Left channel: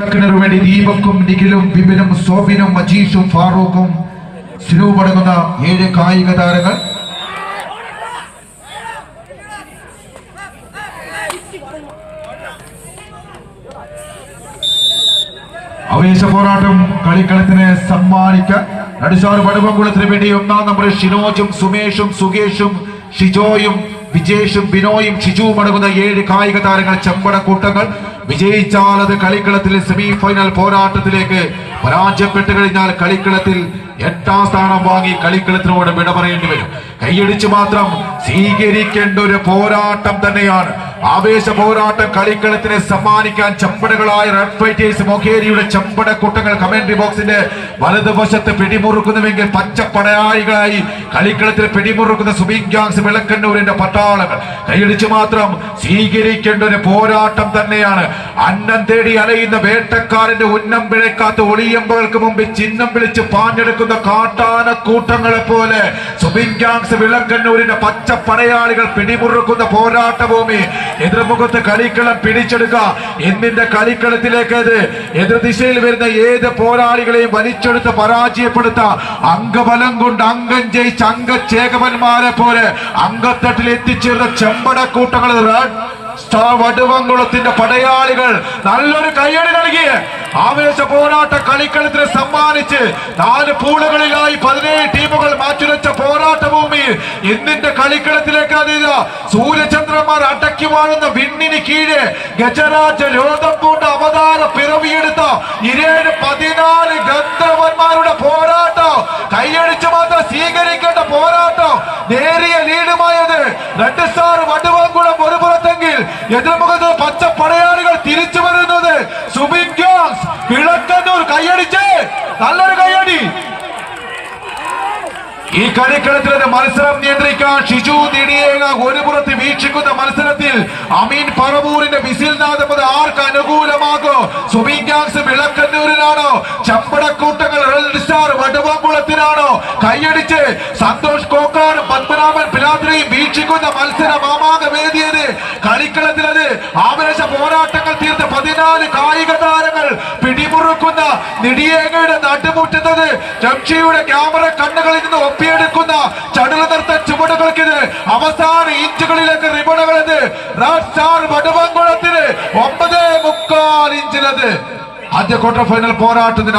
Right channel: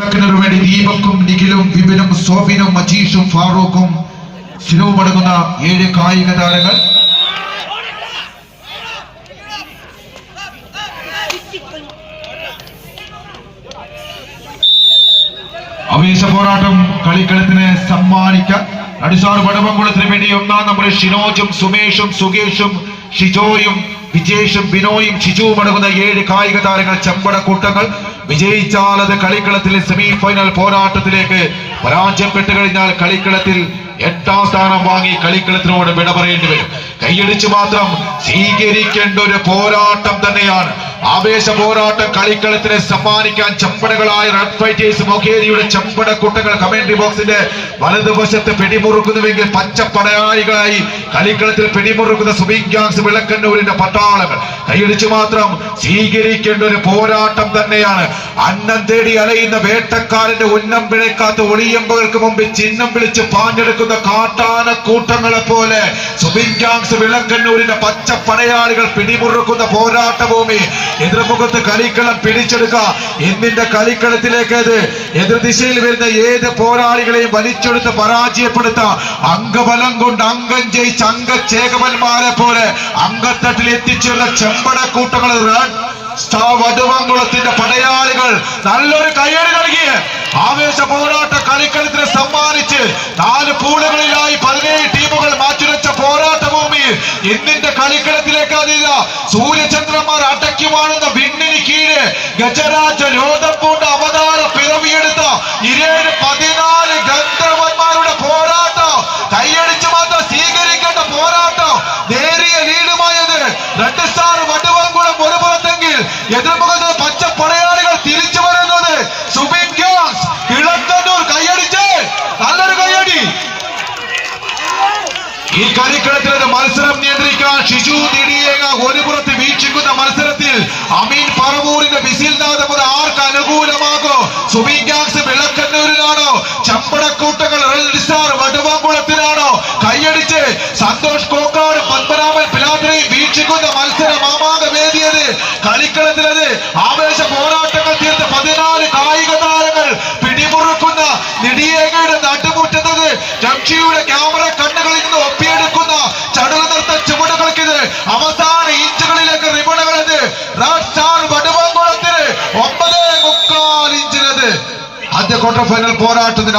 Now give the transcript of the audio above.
വേണ്ടി ദീപക്കും നിഖിലും വിപിനും സോബിനും മജീഷും ഫാറൂഖും സിനുവും അടങ്ങുന്ന ഏഴ് കായിക താരങ്ങൾ. ആവേശ പോരാട്ടം കളിക്കളത്തിനെ സമ്മാനിക്കാം. അടിസ്ഥാന പടുമംകുളത്തിന് വേണ്ടി ഒന്നാം നമ്പർ ഷിനോജും സുമേഷും സുകേഷും ഷിജോയും വിജേഷും ബിനോയും ഷിജുവും അടങ്ങുന്ന ഏഴ് കായിക താരങ്ങൾ ചെമ്പട കൂട്ടങ്ങൾ വിജയിച്ചാൽ അത് കളിക്കളത്തിൽ സെമി ഫൈനൽ പോരാട്ടത്തിലേക്ക് പരാജയപ്പെട്ട് കഴിഞ്ഞാൽ കളിക്കളത്തിൽ എട്ടാം സ്ഥാനം വാങ്ങി കളിക്കളത്തിനോട് വിട പറയേണ്ടി വരും. കൈയടിച്ച് മാത്രം സ്വീകരിക്കേണ്ട ഒരു പോരാട്ടം തന്നെയാണ് ആവേശ പോരാട്ട കളിക്കളത്തിന് സമ്മാനിക്കാൻ ചമ്പടകളായ റെഡ് ഫൈറ്റേഴ്സ് മൊഖേരിയുടെ ചമ്പട കൂട്ടങ്ങൾ കമന്ററി ബോക്സിന്റെ വലതുവശത്ത് പിടിമുറുക്കുന്നുവെങ്കിൽ പച്ച പടയാളികളായി കളിക്കളത്തിൽ പിടിമുറുക്കുന്ന സുബീൻ ഗ്യാങ്സ് വിളക്കണ്ണൂരിന്റെ പട്ടാളങ്ങൾ. കൈയടിച്ചു മാത്രം സ്വീകരിക്കേണ്ട ഒരു പോരാട്ടം തന്നെയാണ്. അന്നം തേടി അലയുന്ന വേട്ടക്കാരന്റെ ഉന്നം പിഴക്കാത്ത ഒളിയമ്പകൾക്ക് മുമ്പിൽ ചിഹ്നം വിളിച്ച് പാഞ്ഞെടുക്കുന്ന കാട്ടാന കൂട്ടങ്ങളെ പോലെ സുബിൻ ഗ്യാങ്സ് വിളക്കണ്ണൂരിന്റെ പച്ച പടയാളികൾ പിടിമുറുക്കുന്ന പോരാട്ട ഭൂമി എതിർമുഖത്ത് കളിക്കളം പിടിച്ചെടുക്കുക. എന്നിന്റെ കളിക്കളത്തിലേക്ക് എതിർ ദിശയിൽ വരുന്ന ഏത് പോരാളികളെയും വലിച്ചെടുത്ത് പരാജയപ്പെടുത്ത അംഗബലം കൊണ്ട് അംഗം ജയിച്ച അംഗചേകവന്മാരെ പോലെ അംഗത്തട്ടിൽ എത്തിച്ചേർന്ന ചെമ്പട കൂട്ടങ്ങൾ റെഡ് സ്റ്റാർ വടുവങ്കുളത്തിന്റെ പടയാളികൾ നല്ലൊരു കയ്യടി നൽകി. ആവേശ പോരാട്ട കളിക്കളത്തിന് സമ്മാനിച്ച് നാല് പൂളുകളിലായി പതിനേഴ് ടീമുകൾ മാറ്റുരച്ച പോരാട്ട ഭൂമിയിൽ എന്നിന്റെ കളിക്കളത്തിലേക്ക് അതില്ല സൂര്യചന്ദ്രന്മാർ അടക്കി വാഴുന്ന വിണ്ണിന് കീഴെ ഗജരാജ രോധം പൂണ്ട അവതാര പിറവിയെടുത്ത ഇരേഴ് പതിനാല് ഗന്ധർവന്മാരുടെ പോരാട്ടം. കൈയടിച്ച് മാത്രം സ്വീകരിക്കേണ്ട പോരാട്ടം. നേരിയ ലീഡുമായത് രണ്ട് സ്റ്റാർ വടുവങ്കുളം ഒരു പുറത്തെങ്കിൽ എതിർമുഖത്ത് പച്ച പടയാളികൾ തിരിച്ചു വരുന്നത് സുബിൻ ഗ്യാസ് കൈയടിച്ച്. നല്ലൊരു കൈയടി. ഈ കളിക്കളത്തിൽ ഒരു മത്സരം നിയന്ത്രിക്കാൻ സന്തോഷ് കോക്കാട് പത്മനാഭൻ പിലാദ്രി വീക്ഷിക്കുന്ന മത്സരം മാമാക വേദിയത് കളിക്കളത്തിലത്. ആവേശ പോരാട്ടങ്ങൾ തീർത്ത പതിനാല് കായിക താരങ്ങൾ പിടിമുറുക്കുന്ന നെടിയേകയുടെ നാട്ടുമുട്ടുന്നത് ജംഷിയുടെ ക്യാമറ കണ്ണുകളിൽ നിന്ന് ഒപ്പിയെടുക്കുന്ന ചടുല നിർത്ത ചുവടുകൾക്കിത്. അവസാന ഇഞ്ചുകളിലേക്ക് റിബണുകളത്. വടുവങ്കുളത്തിന് ഒമ്പത് മുക്കാൽ ഇഞ്ചിലത്. ആദ്യ ക്വാർട്ടർ ഫൈനൽ പോരാട്ടത്തിന്